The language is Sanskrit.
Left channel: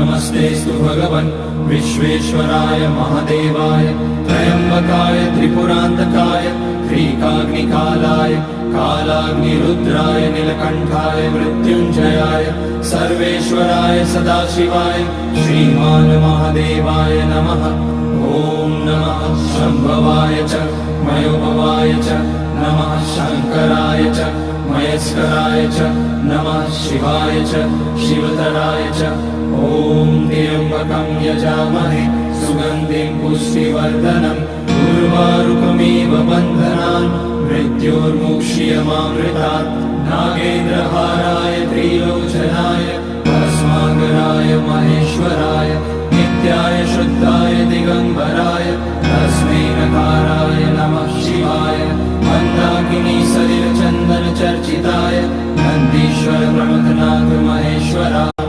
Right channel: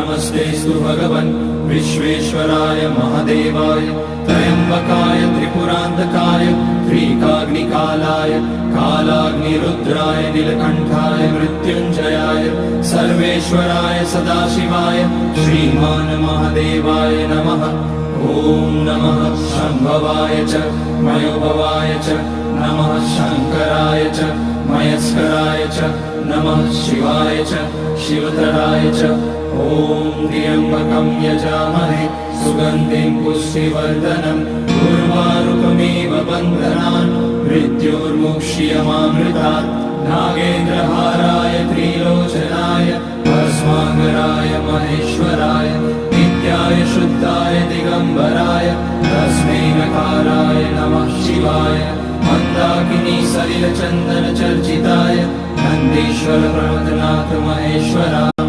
नमस्तेस्तु भगवन् विश्वेश्वराय महादेवाय त्र्यम्बकाय त्रिपुरान्तकाय त्रिकाग्निकालाय कालाग्निरुद्राय नीलकण्ठाय मृत्युञ्जयाय सर्वेश्वराय सदाशिवाय श्रीमान् महादेवाय नमः। ॐ नमः शम्भवाय च मयोभवाय च नमः शङ्कराय च मयस्कराय च नमः शिवाय च शिवतराय च। ॐ त्र्यम्बकं यजामहे सुगन्धिं पुष्टिवर्धनम् उर्वारुकमिव बन्धनान् मृत्योर्मुक्ष्यमामृतात्। नागेन्द्रहाराय त्रिलोचनाय भस्माकराय महेश्वराय नित्याय शुद्धाय दिगम्बराय तस्मै नकाराय नमः शिवाय। मन्दाकिनी सलिलचन्दन चर्चिताय नन्दीश्वर प्रमथनाथ महेश्वराय।